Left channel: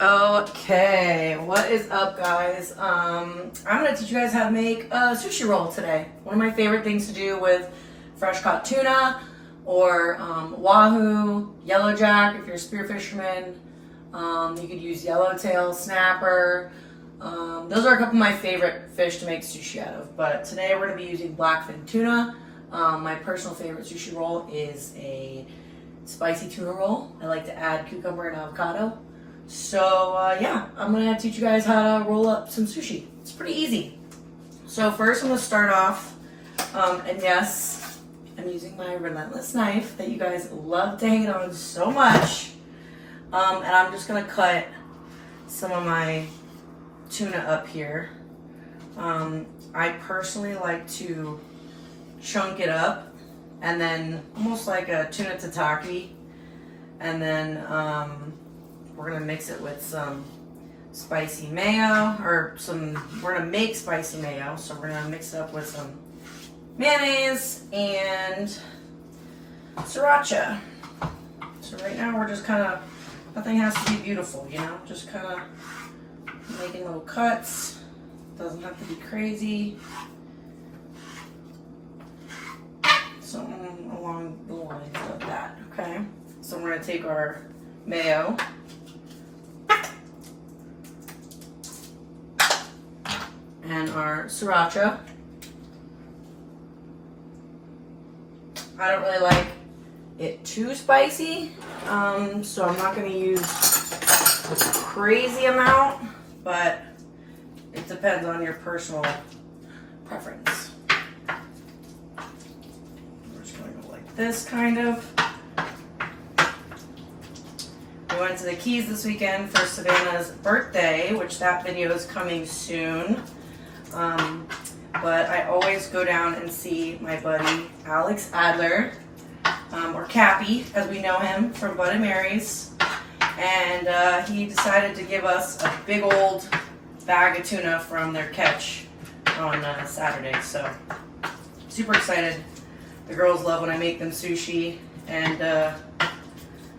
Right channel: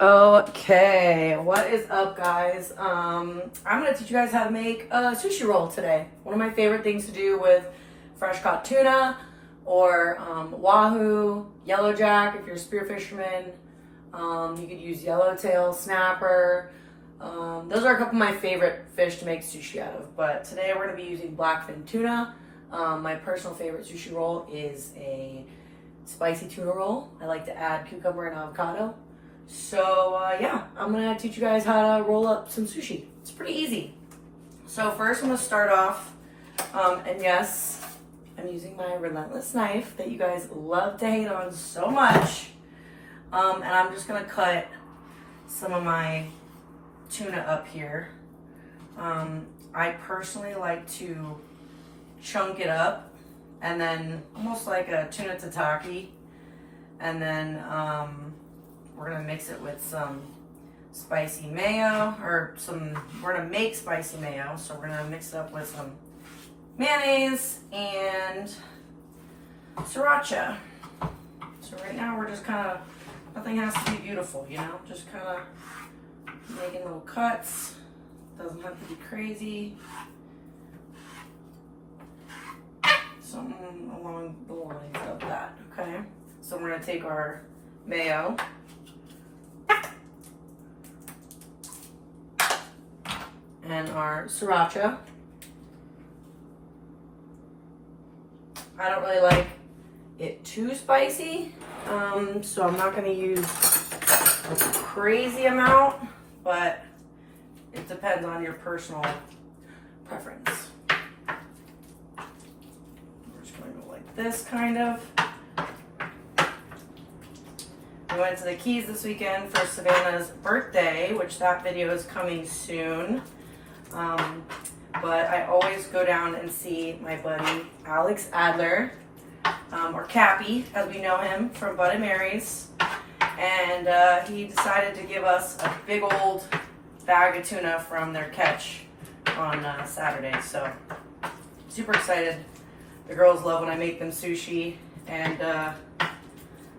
Okay, what is up, guys? I'm gonna teach you guys how to make a sushi roll today. One of my favorite things to do with fresh caught tuna or wahoo, yellowjack if you're a spear fisherman. You could use yellowtail, snapper. Those are a couple of my favorite fish to make sushi out of. But today we're gonna be using blackfin tuna. My personal favorite sushi roll is a spicy tuna roll. I like to add cucumber and avocado. So yeah, I'm gonna teach you guys how to roll up some sushi. It's pretty easy. So first I'm gonna start off, and yes, I'm using my relentless knife that you guys love to hate on so much. And I'm just gonna cut some of my tuna up here. I personally like to chunk it up and then almost like a tuna tataki, and then we're gonna mix it with some spicy mayo, we're gonna make spicy mayo, so we're gonna mix it up with some mayonnaise and sriracha. So right now we're just kind of, nothing has to be beautiful, you know, just kind of making little cuts. Doesn't have to be crazy. Something along the lines of that, okay? So we're gonna take our mayo and our sriracha. I don't really like it too spicy, so I'm not gonna use a crazy amount, but it depends on your personal preference. We're just gonna go like this, kind of. We went to the Keys this weekend for Savannah's birthday, which that video is coming soon. But I always go down and see my buddy Alex Adler, or Cappy, as we know him from Bud and Mary's. And he decided to give us a big old bag of tuna from their catch on Saturday. So super excited. The girls love when I make them sushi, and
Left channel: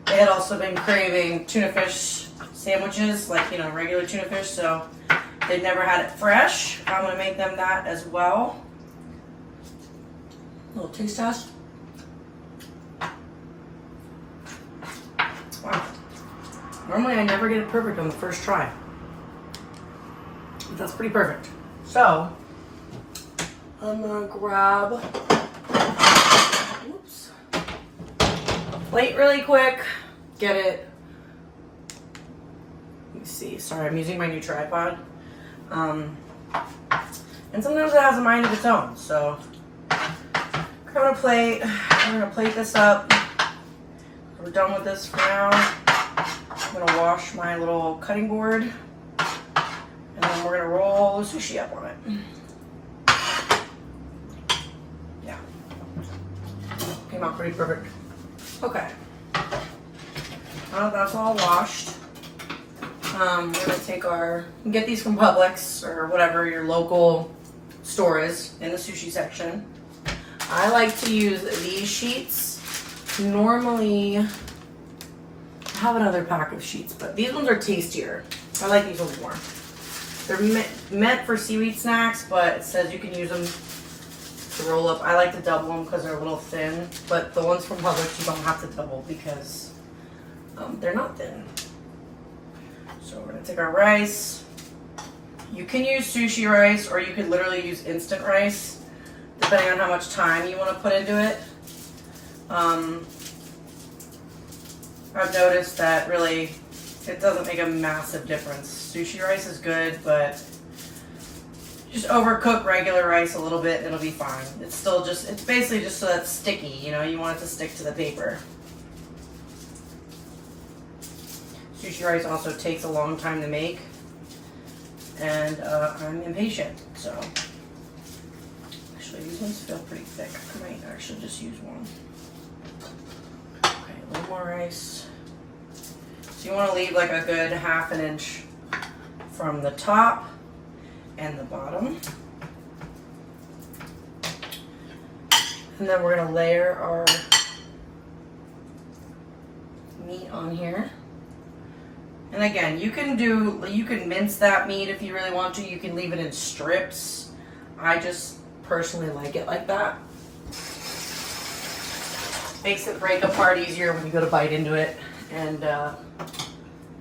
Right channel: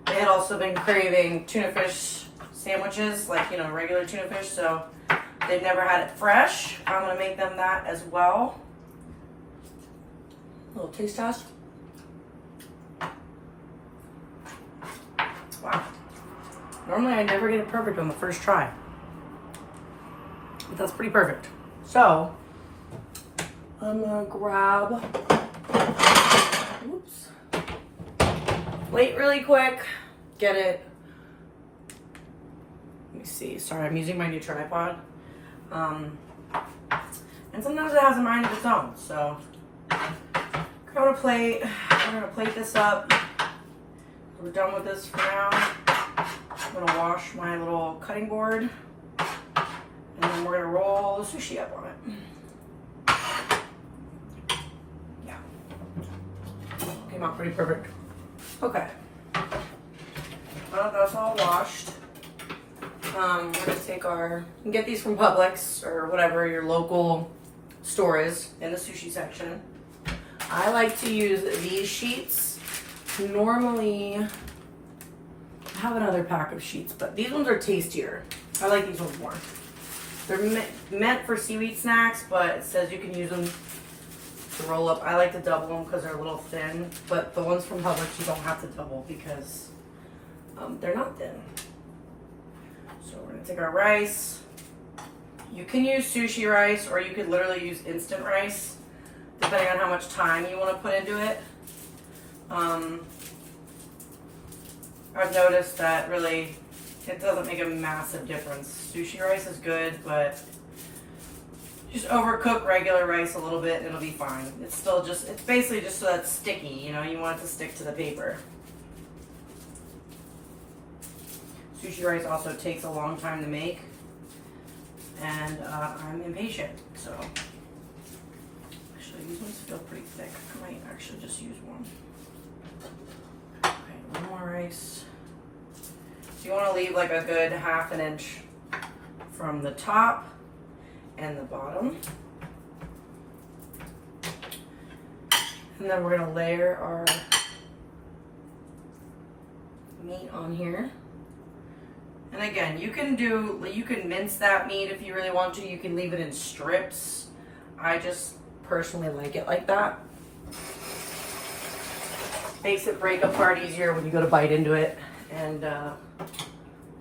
they had also been craving tuna fish sandwiches, like, you know, regular tuna fish, so they've never had it fresh. I'm gonna make them that as well. A little taste test. Wow. Normally I never get it perfect on the first try, but that's pretty perfect. So I'm gonna grab, oops, plate really quick, get it. Let me see, sorry, I'm using my new tripod. And sometimes it has a mind of its own, so grab a plate. I'm gonna plate this up. We're done with this for now. I'm gonna wash my little cutting board, and then we're gonna roll the sushi up on it. Yeah, came out pretty perfect. Okay, well, that's all washed. We're gonna take you can get these from Publix or whatever your local store is in the sushi section. I like to use these sheets. Normally, I have another pack of sheets, but these ones are tastier. I like these ones more. They're meant for seaweed snacks, but it says you can use them to roll up. I like to double them because they're a little thin, but the ones from Publix you don't have to double because they're not thin. So we're gonna take our rice. You can use sushi rice, or you could literally use instant rice, depending on how much time you want to put into it. I've noticed that really it doesn't make a massive difference. Sushi rice is good, but just overcook regular rice a little bit and it'll be fine. It's basically just so that it's sticky, you know, you want it to stick to the paper. Sushi rice also takes a long time to make, and I'm impatient, so actually these ones feel pretty thick. I might actually just use one. Okay, a little more rice. So you want to leave like a good 1/2 inch from the top and the bottom. And then we're going to layer our meat on here. And again, you can mince that meat if you really want to. You can leave it in strips. I just personally like it like that. Makes it break apart easier when you go to bite into it. And yeah,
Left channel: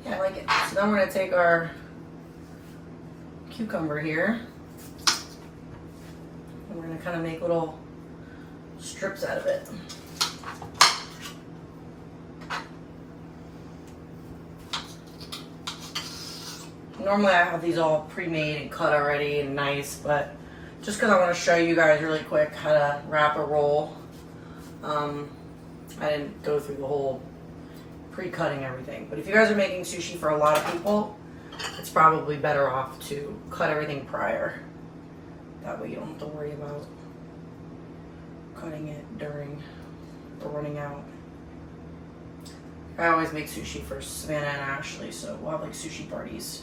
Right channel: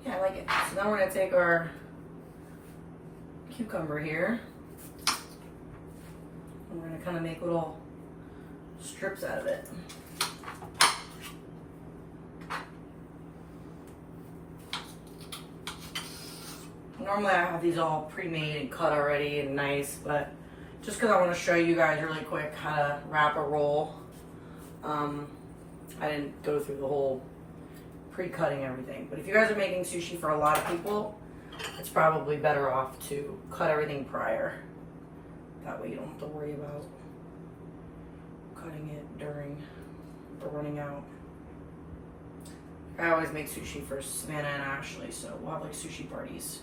I like it. So now we're gonna take our cucumber here. And we're gonna kind of make little strips out of it. Normally I have these all pre-made and cut already and nice, but just because I want to show you guys really quick how to wrap a roll, I didn't go through the whole pre-cutting everything. But if you guys are making sushi for a lot of people, it's probably better off to cut everything prior. That way you don't have to worry about cutting it during or running out. I always make sushi for Savannah and Ashley, so we'll have like sushi parties.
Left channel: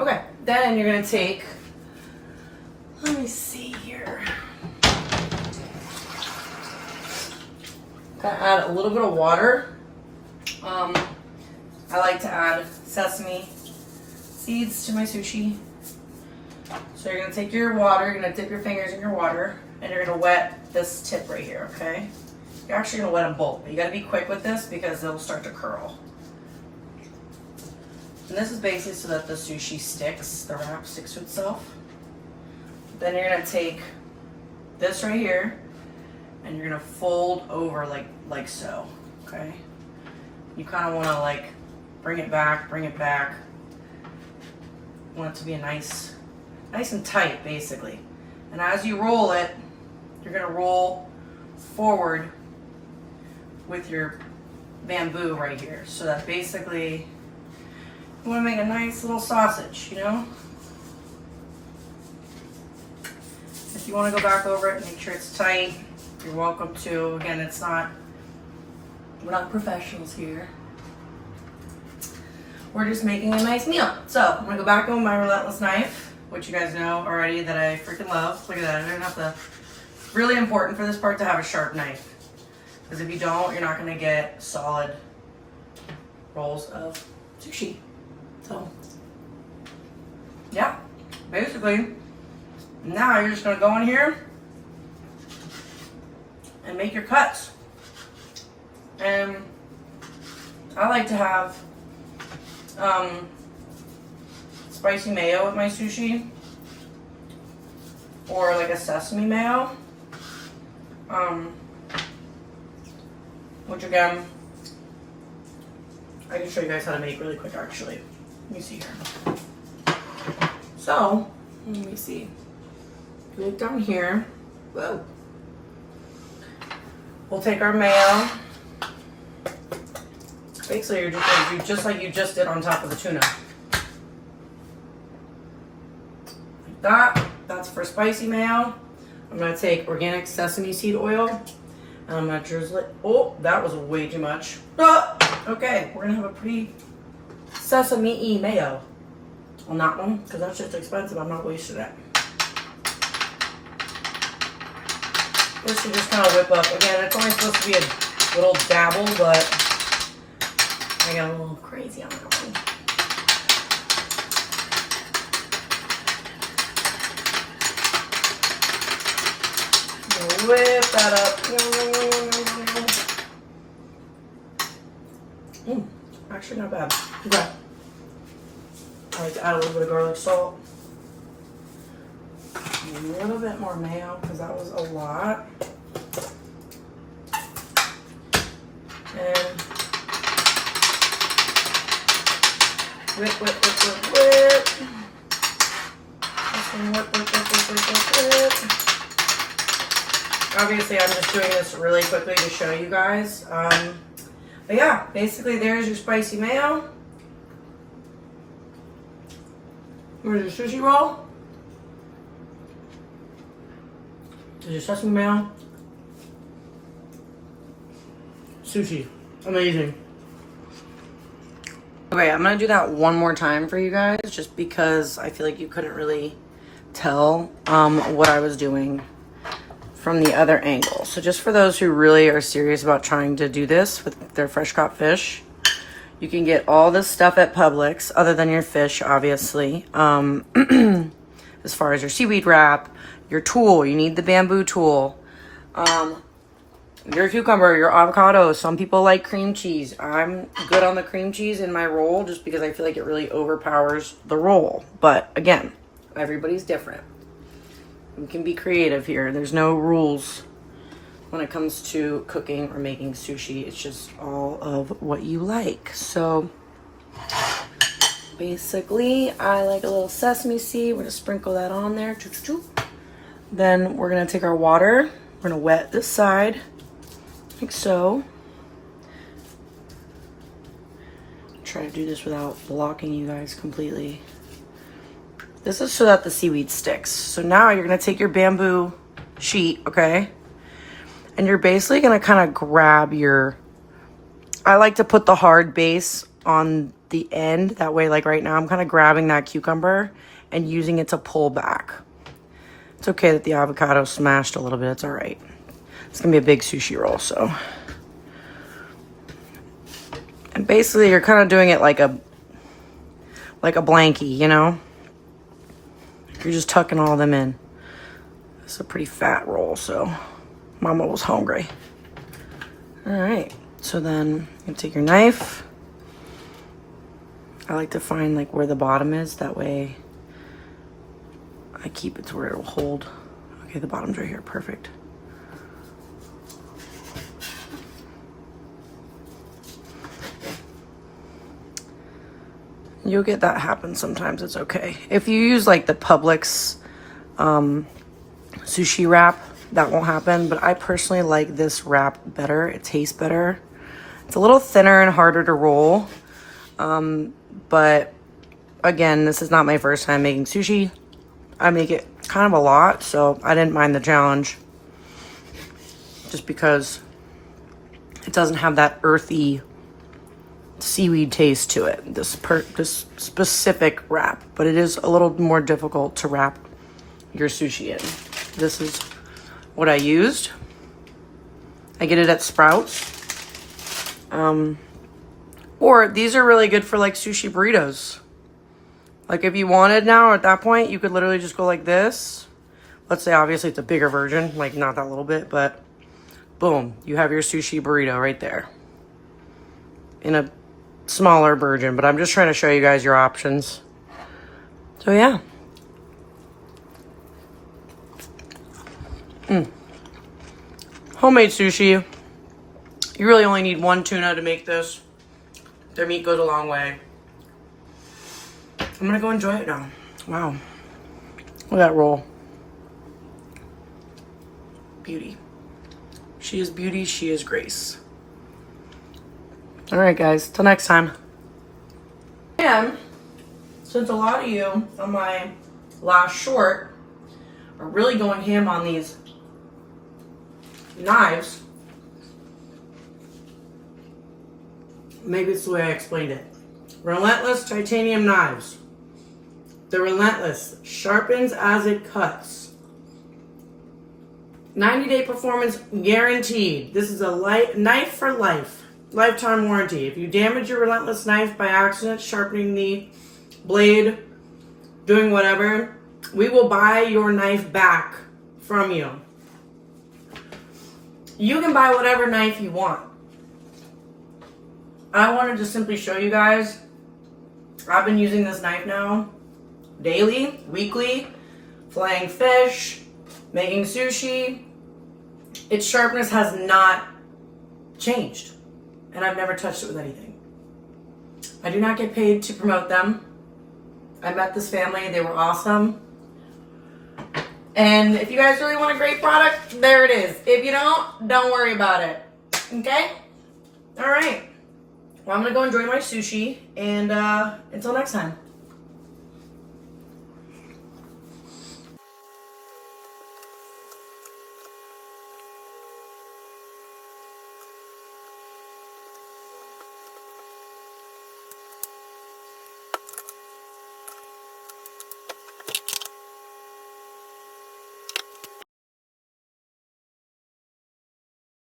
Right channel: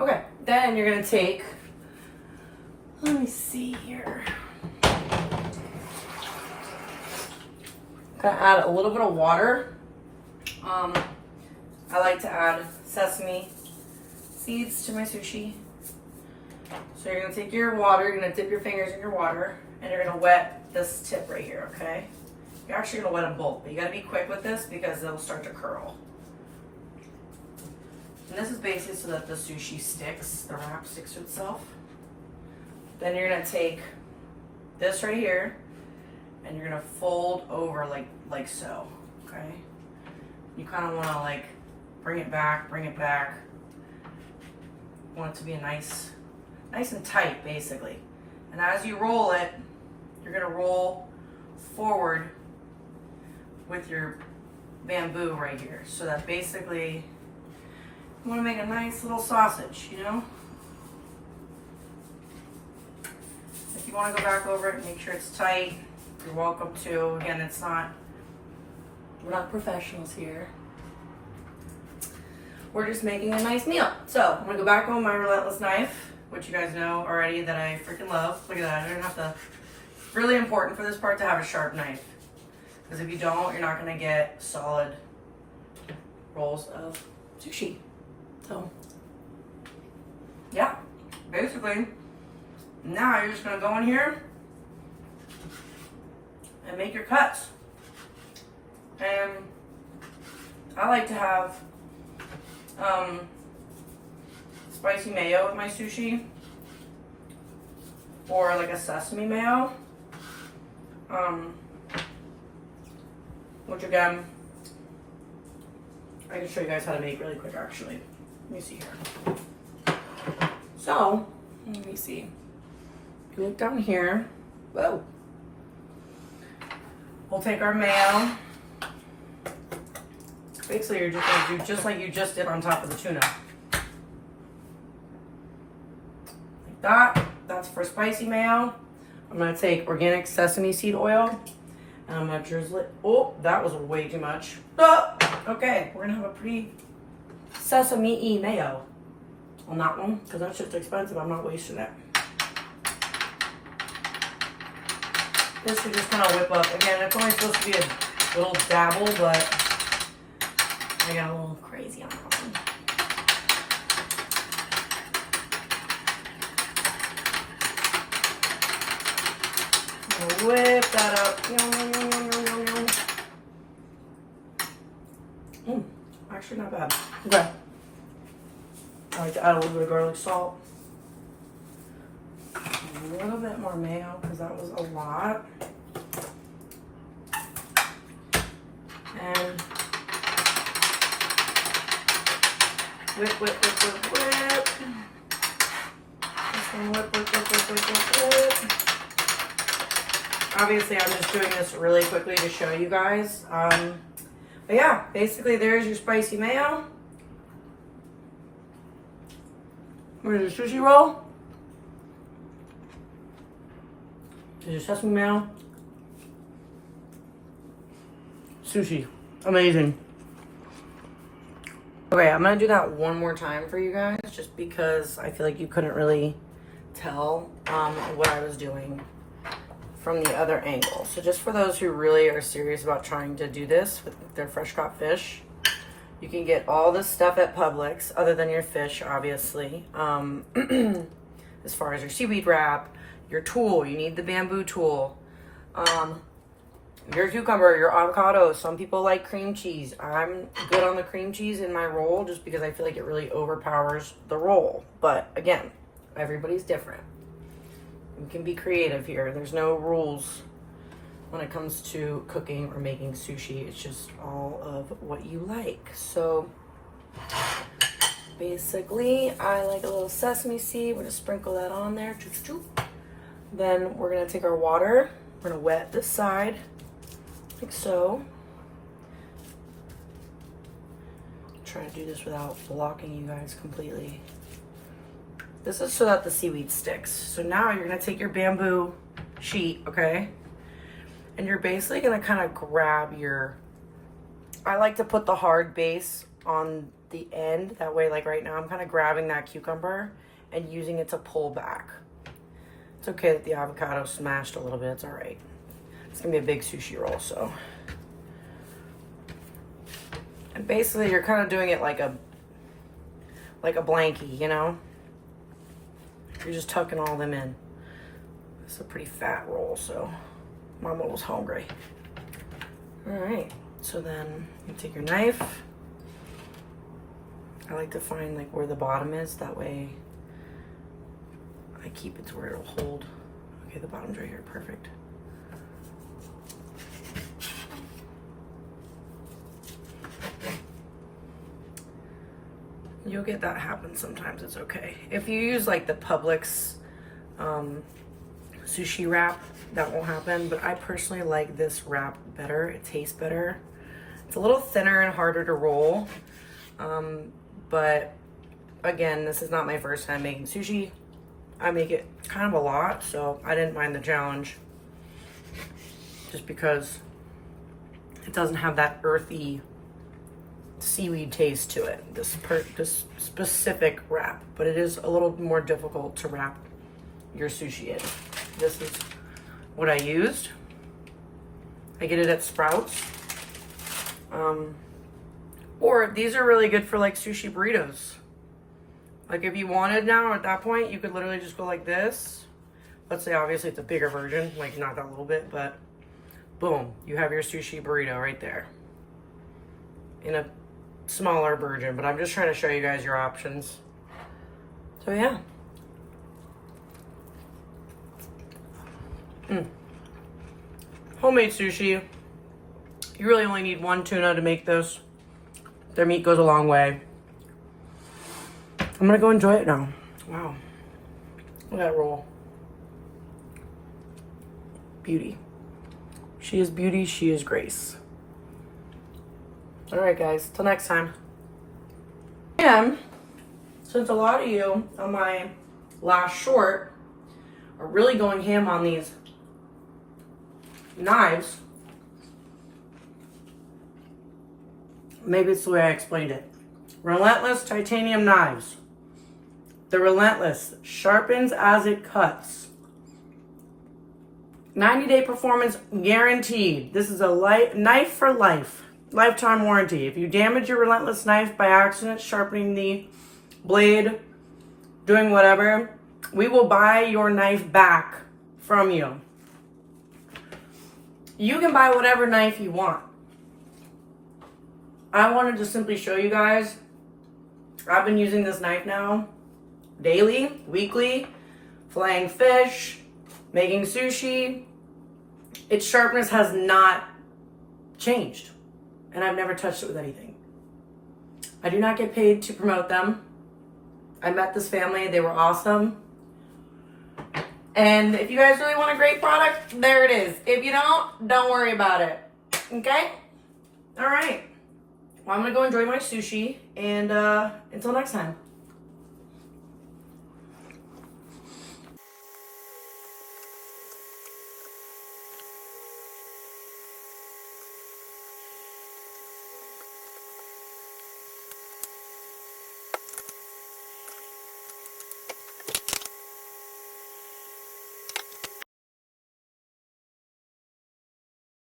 Okay, then you're gonna take, let me see here. Gonna add a little bit of water. I like to add sesame seeds to my sushi. So you're gonna take your water, you're gonna dip your fingers in your water, and you're gonna wet this tip right here, okay? You're actually gonna wet them both, but you gotta be quick with this because they'll start to curl. And this is basically so that the sushi sticks, the wrap sticks to itself. Then you're gonna take this right here and you're gonna fold over like so, okay? You kind of wanna like bring it back. Want it to be a nice and tight basically. And as you roll it, you're gonna roll forward with your bamboo right here. So that basically, you want to make a nice little sausage, you know? If you want to go back over it, make sure it's tight. You're welcome to. Again, we're not professionals here. We're just making a nice meal. So I'm going to go back on my Relentless knife, which you guys know already that I freaking love. Look at that. I don't have to. It's really important for this part to have a sharp knife. Because if you don't, you're not going to get solid rolls of sushi. So, yeah, basically, now you're just gonna go in here and make your cuts. And I like to have spicy mayo with my sushi, or like a sesame mayo, which again, I can show you guys how to make really quick actually. Let me see here. So, let me see. You look down here. Whoa. We'll take our mayo. Basically, you're just going to do just like you just did on top of the tuna. Like that. That's for spicy mayo. I'm going to take organic sesame seed oil. And I'm going to drizzle it. Oh, that was way too much. Ah, okay, we're going to have a pretty sesame-y mayo on that one, because that's just expensive. I'm not wasting it. This should just kind of whip up. Again, it's only supposed to be a little dabble, but I got a little crazy on that one. Whip that up. Actually not bad. Okay. I like to add a little bit of garlic salt. A little bit more mayo because that was a lot. And whip. This one whip. Obviously, I'm just doing this really quickly to show you guys. But yeah, basically there's your spicy mayo. Here's your sushi roll. There's your sesame mayo. Sushi. Amazing. Okay, I'm gonna do that one more time for you guys just because I feel like you couldn't really tell what I was doing from the other angle. So just for those who really are serious about trying to do this with their fresh caught fish, You can get all this stuff at Publix, other than your fish, obviously. As far as your seaweed wrap, your tool, you need the bamboo tool. Your cucumber, your avocado. Some people like cream cheese. I'm good on the cream cheese in my roll just because I feel like it really overpowers the roll. But again, everybody's different. You can be creative here. There's no rules when it comes to cooking or making sushi. It's just all of what you like. So basically, I like a little sesame seed. We're gonna sprinkle that on there. Then we're gonna take our water. We're gonna wet this side, like so. Try to do this without blocking you guys completely. This is so that the seaweed sticks. So now you're gonna take your bamboo sheet, okay? And you're basically gonna kind of grab your, I like to put the hard base on the end. That way, like right now, I'm kind of grabbing that cucumber and using it to pull back. It's okay that the avocado smashed a little bit, it's all right. It's gonna be a big sushi roll, so. And basically you're kind of doing it like a blankie, you know? You're just tucking all them in. It's a pretty fat roll, so Mama was hungry. All right, so then you take your knife. I like to find like where the bottom is, that way I keep it to where it'll hold. Okay, the bottom's right here, perfect. You'll get that happen sometimes, it's okay. If you use like the Publix sushi wrap, that won't happen, but I personally like this wrap better. It tastes better. It's a little thinner and harder to roll, but again, this is not my first time making sushi. I make it kind of a lot, so I didn't mind the challenge just because it doesn't have that earthy seaweed taste to it, this specific wrap, but it is a little more difficult to wrap your sushi in. This is what I used. I get it at Sprouts. Or these are really good for like sushi burritos. Like if you wanted now at that point, you could literally just go like this. Let's say obviously it's a bigger version, like not that little bit, but boom, you have your sushi burrito right there. In a smaller version, but I'm just trying to show you guys your options. So yeah. Homemade sushi. You really only need one tuna to make this. Their meat goes a long way. I'm gonna go enjoy it now. Wow. Look at that roll. Beauty. She is beauty, she is grace. All right, guys, till next time. And since a lot of you on my last short are really going ham on these knives, maybe it's the way I explained it. Relentless titanium knives. They're relentless, sharpens as it cuts. 90-day performance guaranteed. This is a knife for life. Lifetime warranty. If you damage your relentless knife by accident, sharpening the blade, doing whatever, we will buy your knife back from you. You can buy whatever knife you want. I wanted to simply show you guys, I've been using this knife now daily, weekly, filleting fish, making sushi. Its sharpness has not changed. And I've never touched it with anything. I do not get paid to promote them. I met this family, they were awesome. And if you guys really want a great product, there it is. If you don't worry about it. Okay? All right. Well, I'm gonna go enjoy my sushi, and until next time.